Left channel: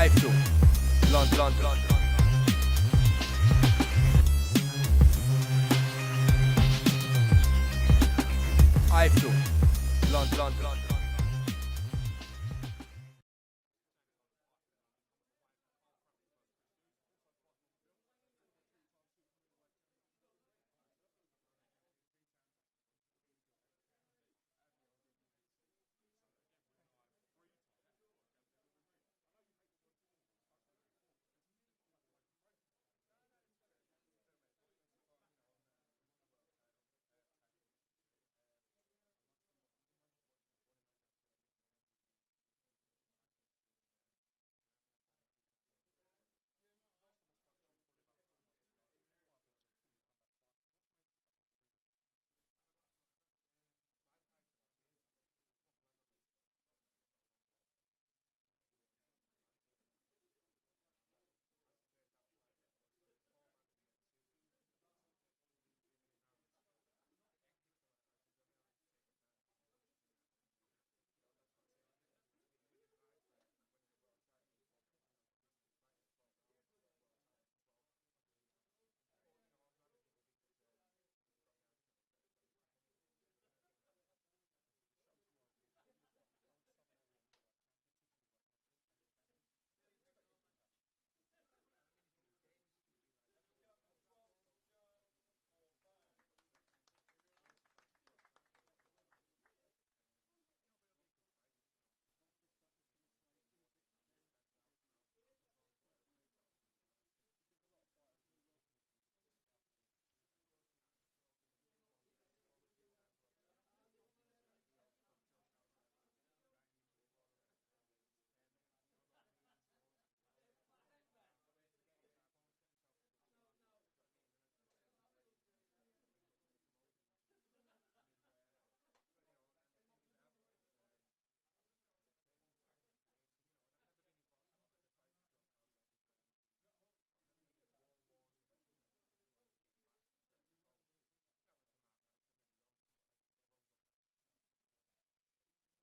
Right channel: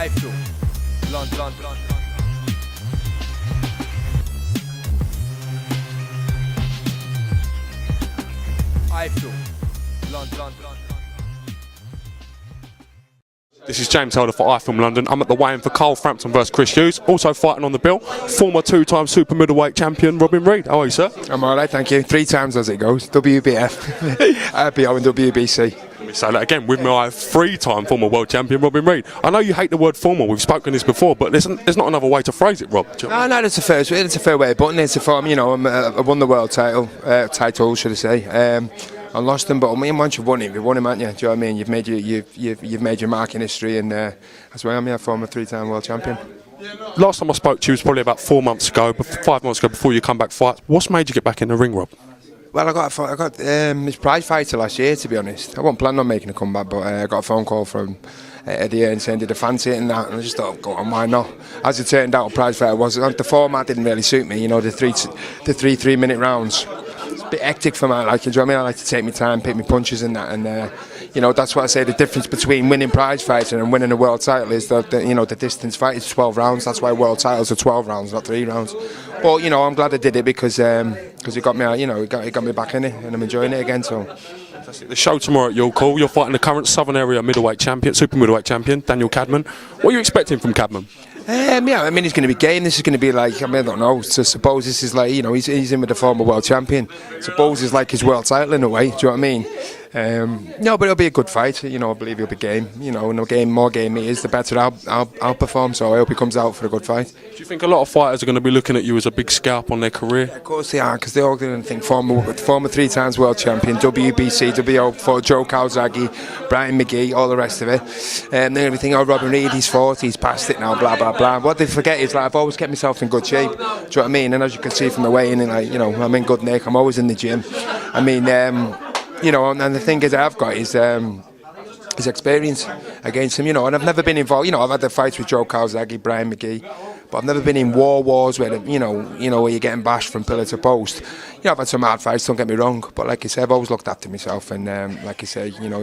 iFILM, London. iFILM, London. This is James Holder for iFILM London. I'm at the weigh-in for Carl Frampton versus Chris Hughes. Also fighting on the bill, former two-time super middleweight champion Robin Reid. How are you, sir? I'm alright, thank you. 3 times as it goes. WBF, RPO and WBC. Let me say that again. With my 3-time former world champion Robin Reid. I know you hate the word former. We've spoken this before, but there's not another way to phrase it, Rob. No, that's a fair way of putting it. It's a form, you know. I won the world title, should I say? I lost them, but I mean, once you've won him, haven't you? Do you know what I mean? You've made your mark in history, and that's why I'm a former 3-time world champion. Last time I spoke to you was probably about 4 months ago, 5 months ago, before your comeback fight. What's made you get back in the ring, Rob? Well, I got his prize fighter last year, to be honest. I wasn't planning on making a comeback, but I got a phone call from Eddie and saying, did I fancy it and that? And I just thought, go on, why not? As it turned out, prize fighter was the format didn't really suit me. You know, the three 3-minute rounds. It's a bit hectic for me. Like, you know what I mean? I like to take my time, pick my punches and that, and you know, that's what I say. The difference between winning prize fighting and winning a world title is that you know, the distance fight is 12 rounds. That's why world titles are 12 rounds, not 3 rounds. But you know, I'm glad I did it because it got me out. You know, it got me back in it, and I'm enjoying it again. So. The show tomorrow at your call. You're fighting the current Southern Area middleweight champion, super middleweight champion, Daniel Cadman. What are you expecting from Cadman? Yeah, I mean, he's going to be game. This is going to be like, I mean, I don't know. So suppose this is like, you know, he's in with the former world champion. Suppose it's like his world title in a way. Do you know what I mean? No, but it'll be a good fight. You know, I believe he'll be game. You know, more game he is, the better I'll perform. So I hope he comes out for a good fight. Do you think a lot of fighters are going to be looking at you as a big scalp on their career? Yeah, of course they are, because they're all going to think former 3 times world champion, WBC, WO for Joe Calzaghe, Brian McGee, all the rest of it. And then everything, oh, Robin Reid, he's 40, he's past it now, blah, blah, blah. What they forget is, like, I've always kept myself in good shape. Do you know what I mean? And as you can see from the weigh-in, like, you know, I'm in good nick. I'm always in the gym. I mean, you know, and the thing is I've got is his experience against him, you know, and I've never been involved. You know, I've had the fights with Joe Calzaghe, Brian McGee, but I've never been in wars where, you know, where you're getting bashed from pillar to post. You know, I've had some hard fights, don't get me wrong, but like I said, I've always looked after myself, and like I say, you know,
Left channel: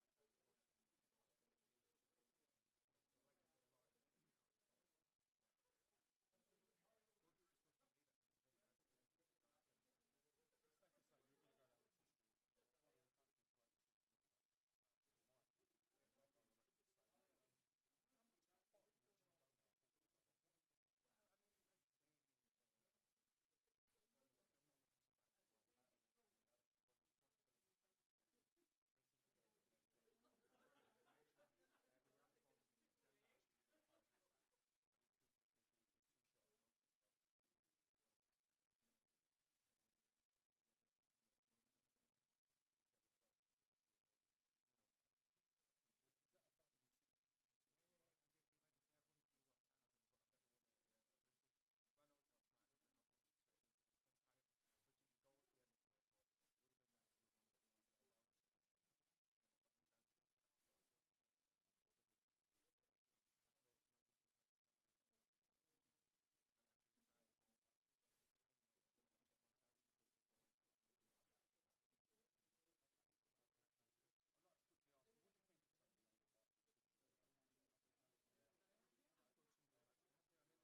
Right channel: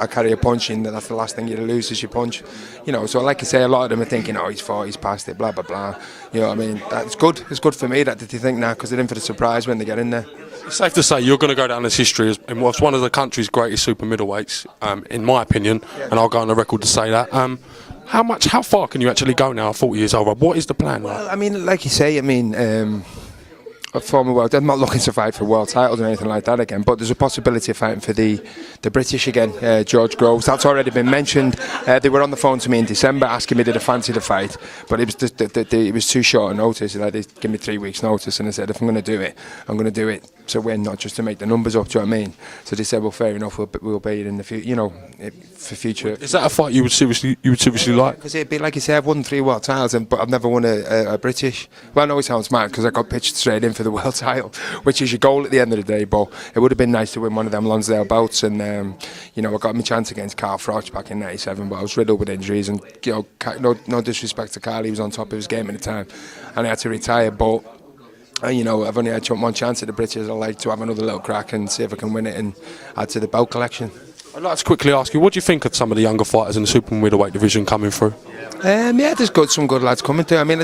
I carry a punch in, that's the last thing you lose is your punch. You know, so like I say, a lot of them are thinking, oh, he's 40, he's past it, blah, blah, blah. You know what I mean? That's good. It's good for me that they think now, because they're in for the surprise when they get in there. It's safe to say you're going to go down as history as one of the country's greatest super middleweights, in my opinion, and I'll go on the record to say that. How far can you actually go now at 40 years old, Rob? What is the plan? Well, I mean, like you say, I mean, a former world, I'm not looking to fight for world titles or anything like that again, but there's a possibility of fighting for the British again, George Groves. That's already been mentioned. They were on the phone to me in December asking me did I fancy the fight, but it was it was too short a notice. Like, they give me 3 weeks notice, and I said if I'm going to do it, I'm going to do it to win, not just to make the numbers up. Do you know what I mean? So they said, well, fair enough, we'll be in the future, you know, for future. Is that a fight you would seriously like? Because it'd be like you say, I've won 3 world titles, but I've never won a British. Well, I know it sounds mad because I got pitched straight in for the world title, which is your goal at the end of the day. But it would have been nice to win one of them Lonsdale bouts, and you know, I got my chance against Carl Froch back in '97, but I was riddled with injuries, and you know, no disrespect to Carl, he was on top of his game at the time, and I had to retire. But you know, I've only had one chance at the British. I'd like to have another little crack and see if I can win it and add to the belt collection. I'd like to quickly ask you, what do you think of some of the younger fighters in the super middleweight division coming through? Yeah, there's some good lads coming through. I mean,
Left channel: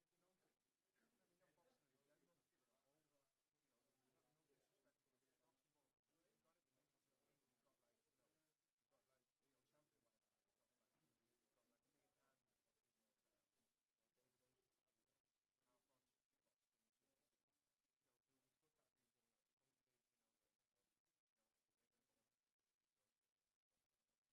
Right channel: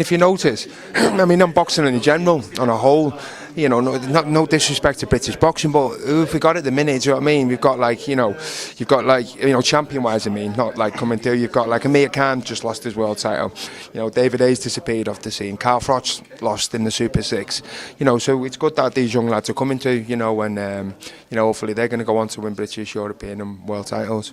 if you notice, I mean, on boxing in general, on a whole, you know, no disrespect to British boxing, but if we got at the minute, do you know what I mean? We've got like, you know, you've got like, you know, champion-wise, I mean, not like coming through. You've got like Amir Khan just lost his world title. You know, David Hayes disappeared off the scene. Carl Froch lost in the Super 6. You know, so it's good that these young lads are coming through, you know, and, you know, hopefully they're going to go on to win British, European and world titles.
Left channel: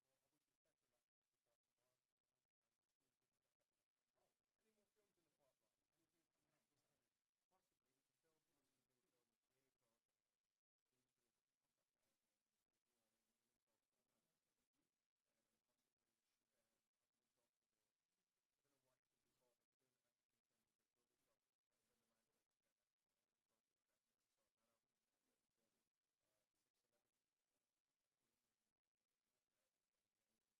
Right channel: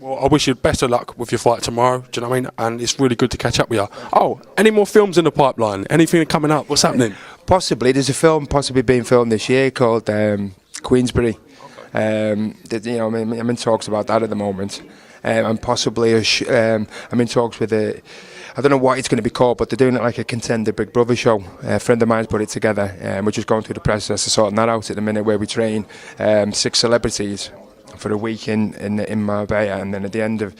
Well, I wish you the best of luck with your fight tomorrow, do you know what I mean? And it's really good to catch up with you. Oh, any more films in the pipeline? Anything coming up? What's happening? Possibly. There's a film possibly being filmed this year called Queensbury. You know, I'm in talks about that at the moment. And possibly I'm in talks with I don't know what it's going to be called, but they're doing it like a Contender Big Brother show. A friend of mine's put it together. We're just going through the process of sorting that out at the minute, where we train 6 celebrities for a week in Marbella, and then at the end of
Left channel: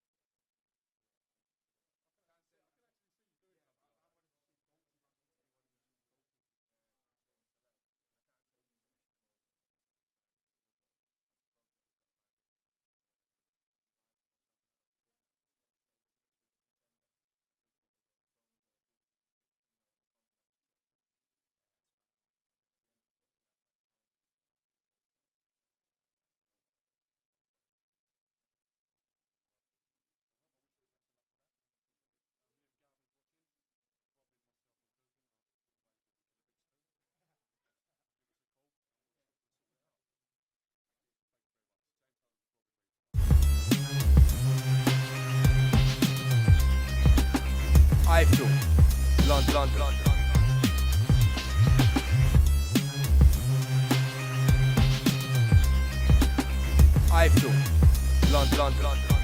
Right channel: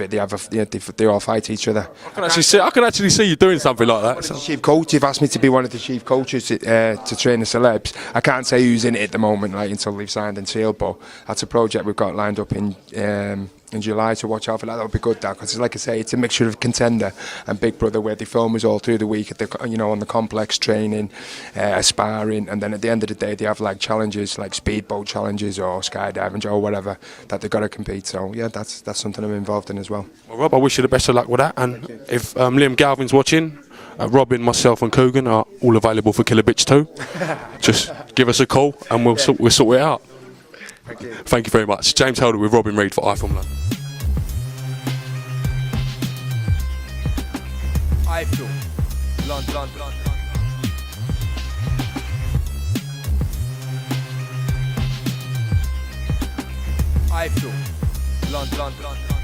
it, they all fight each other. I can actually see you doing something like that. So. Chief coach, you've asked me to be one of the chief coaches to train the celebs. I can't say who's in it at the moment, like until they've signed and sealed, but that's a project we've got lined up in in July, so watch out for that. That'll be good, because like I say, it's a mixture of Contender and Big Brother, where they film us all through the week at the, on the complex, training, sparring, and then at the end of the day they have like challenges, like speedboat challenges or skydiving or whatever that they've got to compete. So yeah, that's something I'm involved in as well. Well, Rob, I wish you the best of luck with that, and if Liam Galvin's watching, Robin, myself and Coogan are all available for Killer Bitch too. Just give us a call and we'll sort it out. Thank you very much. James Helder with Robin Reid for iFILM London. iFILM, London. iFILM, London.